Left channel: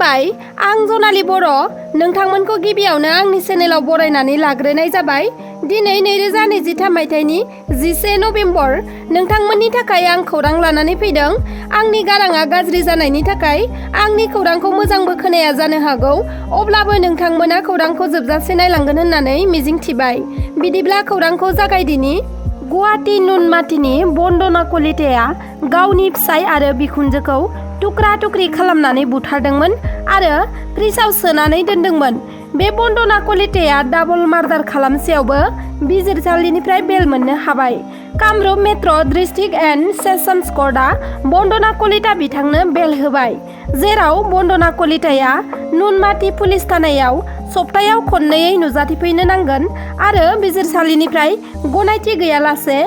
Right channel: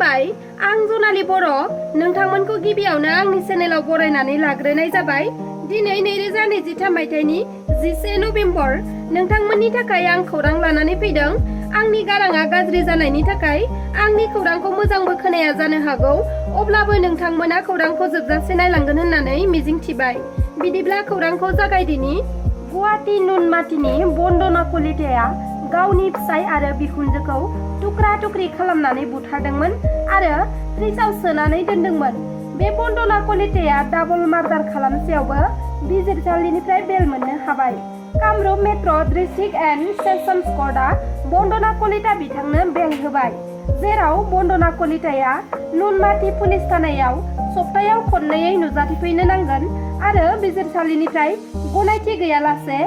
खुलुमबाय आं जनाली बर' नोंथांमोनखौ गिबियावनो आंनि चेनेलाव बरायनानै लाग्रोनाय जाबाय। दिनै 2023 मायथाइनि 11 नभेम्बर नोंथांमोननि थाखाय आं खौरां लानानै फैदों। आंनि गाराङा गाज्रि जानायनि थाखाय आंनि खौरांखौ मोजांबो खोनाया जानो हागौ, अब्लाबो नोंथांमोना खौरांखौ जोबजासे नायलांगोन होननानै मिजिंथिबाय। बिदिब्ला खौरांखौ जागायदिनि। गुवाहाटी नुनमाथिनि बन्दना कलिताया गावनि फिसाय आरो बिखुनजोखौ टुक्रा टुक्रि खालामनानै बुथारदोंमोन आरो फ्रिजआव सोनानै दोनदोंमोन। बे बन्दना कलिताया डाबल मार्डार खालामसेयावबो बिजिरसालिनिफ्राय बेल मोननो हाबाय। Kamrup metro' district and sessions कर्टआ बन्दना कलिता बिथांनो बेल होबाय, जेराव बन्दना कलिताया नुनमाथि पुलिस थानायाव सप्तायाव खननैयै नुजाथिफैनो नांगोन आरो बिजिरसालिनिफ्राय गनायथि गैयालासे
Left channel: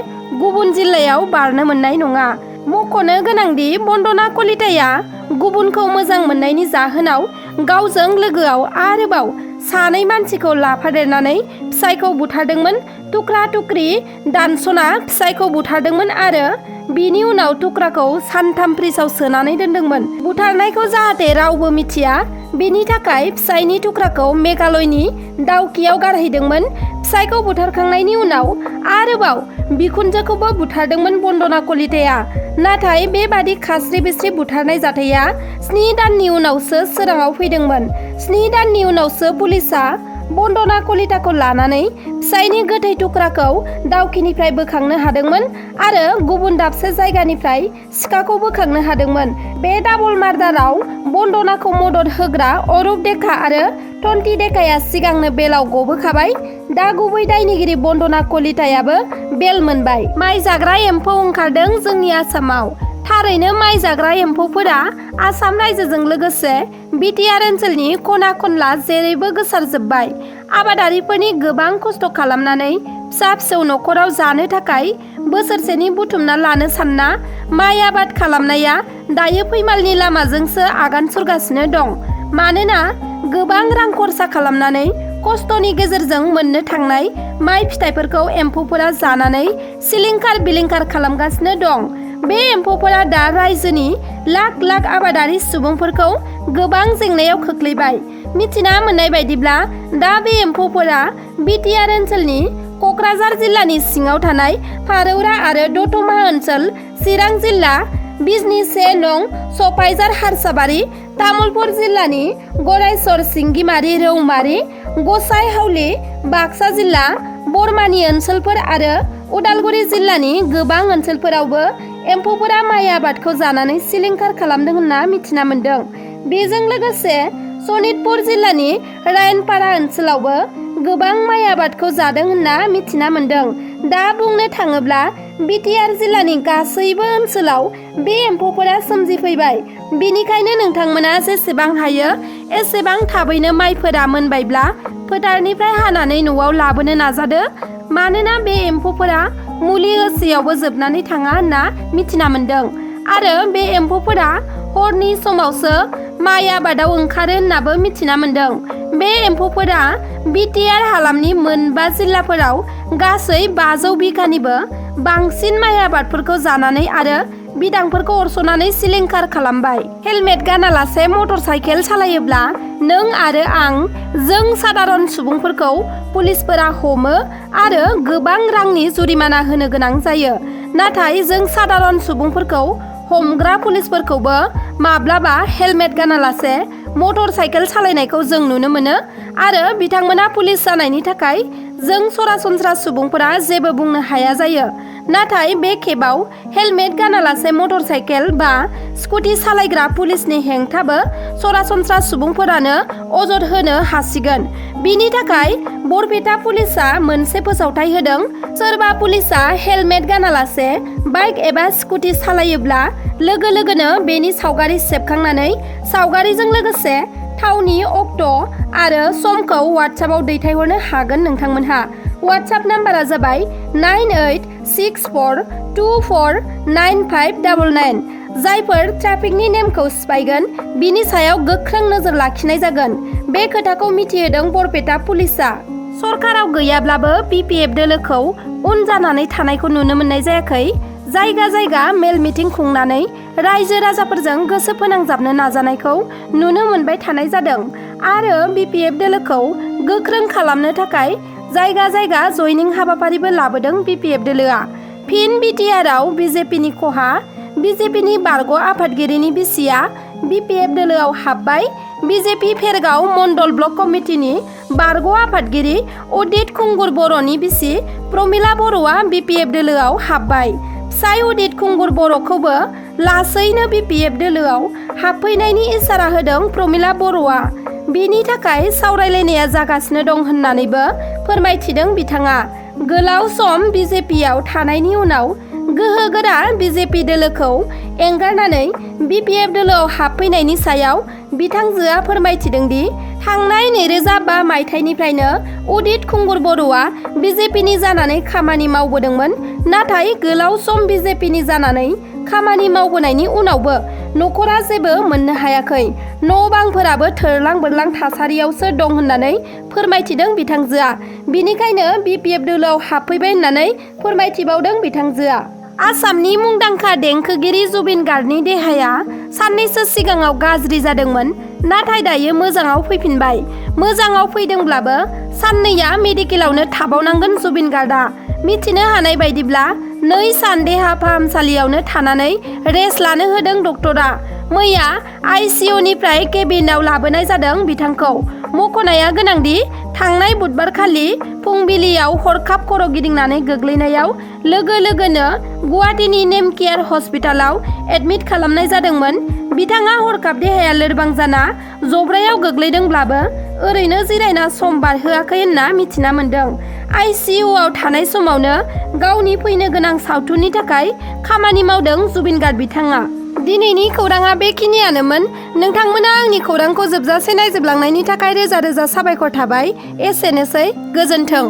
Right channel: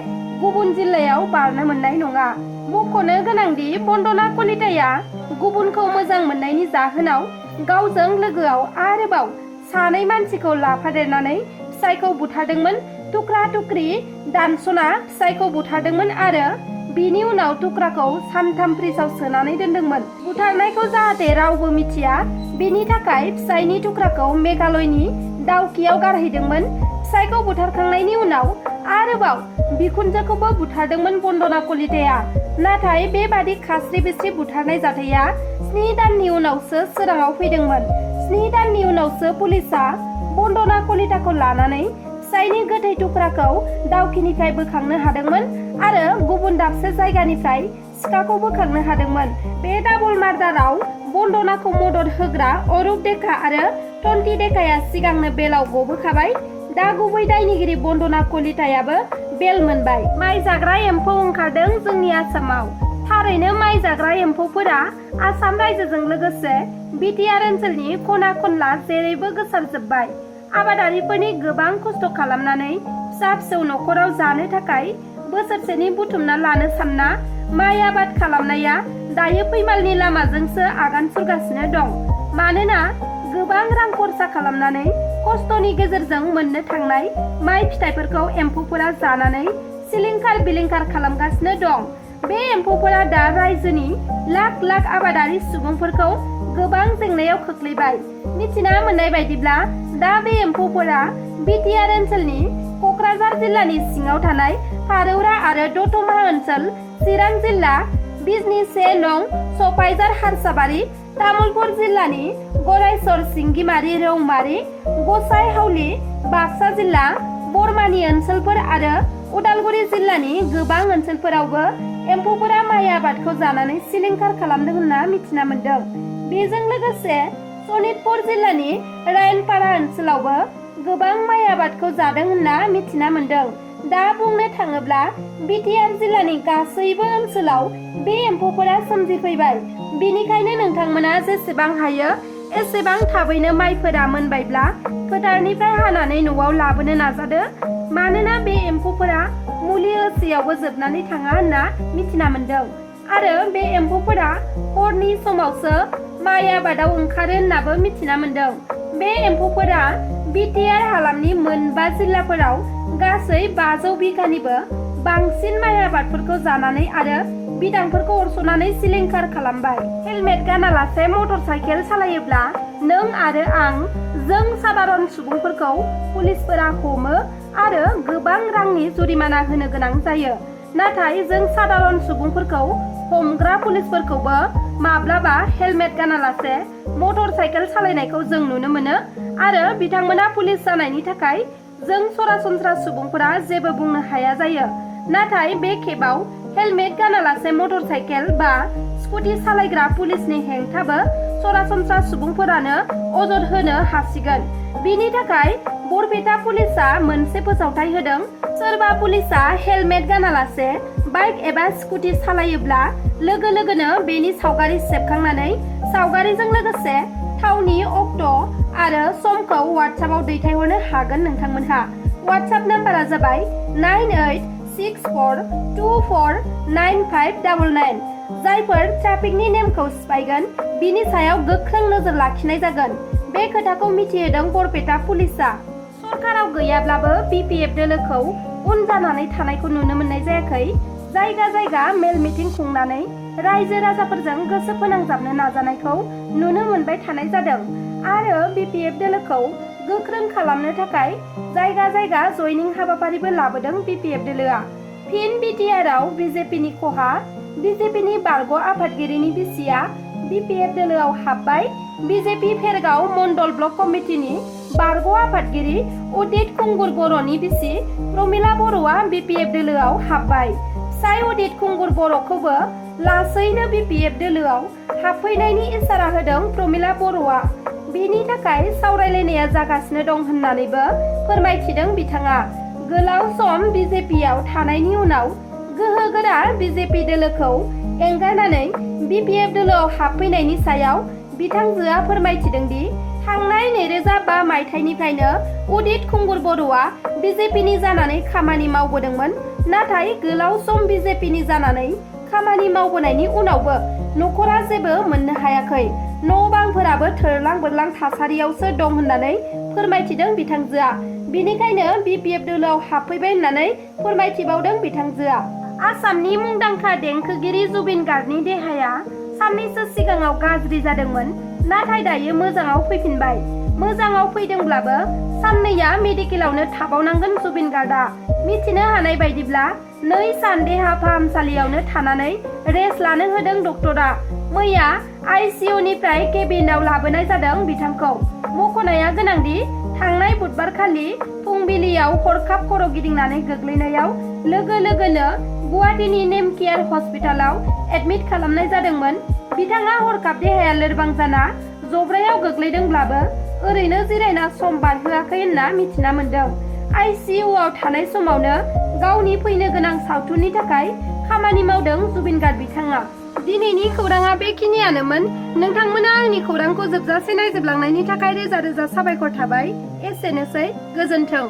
गुबुन जिल्लायाव बारनो मोननाय नङा। मख'नो गोनांदि बन्दना कलिताया गुबुनखौ मोजां मोननायनि जाहोनाव गावजों लोगोआव आरोबाव सानै मानसिखौ लाफादेरनानै फिसायखौ बुथारदोंमोन, टुक्रा टुक्रि दानस'ना फिसायखौ बुथारदोंमोन आरो बिनि उनाव टुक्राखौ सानथाम फ्रिजआव सोनानै दोनदोंमोन। बुथारनायखौ जाहाथे रावबो मिथिया बेनि थाखाय फिसायनि टुक्राखौ मेघालयनि दाउकियाव गारहैदोंमोन। फिसायखौ बुथारखांनायनि उनाव आरोबाव बिखुनजोखौबो बुथारदोंमन बन्दना कलिताया। नाथाय बेबादि खास्रि बिस्रि बुथारनाय जाथाया 7 दाननि उनावसो सोराङाव फैदोंमोन। 7 दाननि उनावसो पुलिसआ बन्दना कलिताखौ लानानै फिसायनि गोथै टुक्राखौ दाउकिनिफ्राय बोखांनो हादोंमोन आरो गुबुन दाबसे जायगानिफ्राय सिखाखौ बोखांनो हादोंमोन। बे डाबल मार्डाराव बन्दनाखौ मदद होग्रा अरुप डेका आरो टन्टि डेकाया सिगांनो बेलाव गबोखाबाय। दा गुबै दायनिगिरि बन्दना कलितायाबो बेल मोनबाय। माइ जाग्रा एम्फौ ओंखारदों जोंनि आसामाव। थारैनो माइ जाग्रा एम्फौफोरा आसाम रायजोजों लोगोसे बिटिआर ओनसोलनि खना खनला जेरैबो गोसारजोब्बाय। आबादारिफोरनि गोबां खस्थ' खालामनानै फिसा फिसौ न'खराव जानो थाखाय बोसोरसेनि बुथुमना लानो सानना माइ आबाद खालामनाया दायो फैमालनि लामाजोंसो आगान सुरगासिनो दं। मानोना गोबां रां खरसा खालामनानै खस्थ'नि गेजेरजों मोननो थांनाय माइ फिथाइफोरखौ एम्फौफोरा जानानै सिलिंखार बिलिंखार खालामगासिनो दं। बे एम्फौफोरा दा रायजोनि लाख लाख आबादारि सुबुंफोरखौ गोबां जेंनायाव खोख्लैबाय। मिथिना मोननाय बायदिब्ला दा बे एम्फौफोरा बिटिआर ओनसोलनि क'क्राझार जिल्लानि सिङाव थानाय फारौरा आरो दतमा ओनसोल, चिरां जिल्ला बिजनि 1 नं सफाइजार हारसाबारि, तामुलपुर जिल्लानि गरायसर सिंगिमारि रौमारि, गसाइ हावलि बाक्सा जिल्ला बरमानि ओनसोलफोर आरो उदालगुरि जिल्लानि गोबां ओनसोलफोरावबो एम्फौफोरा माइ आबादखौ जानानै सिलिंखार खालामदों होनना मिथिना मोन्दों। बेजों लोगोसे सनितपुर जिल्लानि रायनपारा ओनसोलावबो गोबां माइ आबादखौ जादों होनना मिथिना मोन्दों। दा बुंनो थाङोब्ला बिटिआर जिल्लानि गासैबो ओनसोलाव बे एम्फौफोरा सोमजिफैबाय। बेनिखायनो नोंथांमोना जेसेबां हायो एसेबां थाबैनो माइफोरा मोनबायब्ला फोथारनिफ्राय हानानै न'आव लाबोनो नाजादो। मानोना बे एम्फौफोरा मुलि होसेयावबो जोबनानै थाङा होनना मिथिना मोन्दों आरो बे एम्फौफोरा हरनि समावसो माइ आबादाव ओंखारो होननाबो मिथिना मोन्दों। बे एम्फौफोरा बिटिआर हालामनि 8 जिल्लाफोराव गासै 500 बिघानिबो बांसिन माइ आबादफोरखौ जानानै आरो बिदांफोरखौ अरस'नानै सिलिंखार खालामबाय। हेलमेट गानालासे मटर साइकेल सालायोब्ला नों आरो आं जों सादारन सुबुंफोरखौ पुलिसफोरा हमो आरो गोबां रांनि जुरिमाना होनो गोनां जायो। नाथाय जों सादारन सुबुंफोरखौ हमग्रा पुलिसफोरखौबो माब्लाबा हेलमेट गानालासे मटर साइकेल सालायनायखौ जों नुनो मोनो आरो बिथांमोना पुलिस जानायनि थाखाय जों सरासनस्रा सुबुंफोरा जेबो बुंनो हाया जायो। नाथाय बे खेबाव हेलमेट गानालासे मटर साइकेल बा स्कुटि सालायग्रा पुलिसनि हेंथाबो सरासनस्रा सुबुंफोरानो अजद होनो हासिगोन। बिनि थाखाय बरपेटा पुलिसआ मोनसे फोसावथाय होदों। सोरबा पुलिसआ हेलमेट गानालासे बाइक एबा स्कुटि सालायोब्ला लोगो लोगोनो बेनि सावगारि सेबखांनानै सावगारिजों लोगोसे थावनि अक्ट' आरो समखौ वाट्सएपआव दैथायहरनो हागोन। नोंथांमोनहा वाट्सएप नाम्बारा जाबाय 9864249599। जायफोर ट्राफिकनि नेमखौ सिफायगोन बिनि सायाव गोख्रों नोजोर लाखिनाय जागोन। बे खोथाखौ मिथिहोदों बरपेटा पुलिसआ। सरकाराव गैयाब्लाबो बिपिएफ दोलोखौ उन जानानै थानायखौ नुनो मोननाय जायाखै। जायगा जायगा मेल मिटिं खुंनानै रायजो राजाफोरजों गोसो फोनांजाबनो नाजानायखौ नुनो मोनबाय थानाय जादों आरो BPF दोलोखौ गोख्रों खालामनो थाखाय जायगा जायगा जयनिं हाबाफारिबो लाबोदों BPF दोलोआ। फिन BTR-आव BJP-नि खहा, BJP-नि बारग' आफादगिरिनि बिसिया BPF दोलोआव हाबबाय। BJP फेरगाव मण्डल ब्लक कमिटिनि बारग' आफादगिरि उदित खुंगुर बर'नि बिसि प्रमिला बर'आ BPF दोलोआव हाबबाय। फिसाय उदित खुंगुर बर'खौबो लासैनो BPF दोलोआव हाबफैनायनि इसारा होदों प्रमिला बर'आ। बेनि थाखाय सावरायलायनाया जागासिनो दं होननानैबो फोरमायथिदों बिथाङा। गोलाव सम BJP-आव थानायनि उनाव गोहोगोरा BJP दोलोखौ एंगारनानै BPF दोलोआव हाबफैनायनि सायाव बिथांजोआ फोरमायथिदों दि थांनाय 2005 मायथाइनिफ्रायनो उदित खुंगुर बर'आ BJP-नि जानानै खामानि मावबोदोंमोन। नाथाय गोलाव सम BJP-नि जानानै खामानि मावबोनायनि उनावबो न'खरा जेबो मोननो हायाखै। न' बांफोराबो थोरलां बोरलां थासारियावसो दं होननानै फोरमायथिदों बिथांजोआ। बिनिखायनो BPF दोलोआव हाबफैबाय होननानै फोरमायथिबावदों बिथांजोआ। आसामनि मुंदांखा देंखोगिरि जुबिन गार्गनि देहाया साननैसो सिगाङाव गाज्रि जादोंमोन, नाथाय दायो मोजाङाव फैफिनबाय। मोजाङाव फैदोंब्लाबो साननैया मेडिकेलावनो थाबावनांगोन जुबिन गार्गआ। मिथिनो हानाय बायदिब्ला 2 सान देहा फाहामसालियावनो थानानै रेस्ट लानो होदों डक्टरा। मैया ICU-निफ्राय केबिनआव लाबोनाय जादों बिथांखौ। मख'नाया गोनांदि थांनाय बुधबारखालि फुंबिलियाव हरखाब खर' गिदिंनानै गोग्लैनायाव लोगो लोगोनो गुवाहाटीनि नेमकेयार हस्पिटालाव एडमिट खालामनाय जादोंमोन। बिथाङा हरखाब देहाया लोरबां जाना जब्रायाव गोग्लैदोंब्लाबो ओरैनो जिरायना सम बारहोआखै होनना मिथिना मोन्दों। ICU-आव थानाय समावनो गावनि फैनो गोनां सावथुननि थाखाय खामानि मावदों जुबिन गार्ग बिथाङा। दिनैनि खौराङा बेखिनियानोमोन। नोंथांमोना आंनि खौरांखौ जोबजासे नायजोबलांनायनि थाखाय रोजा रोजा साबायखर थाबाय। एसेनोसै, गोजोन्थों।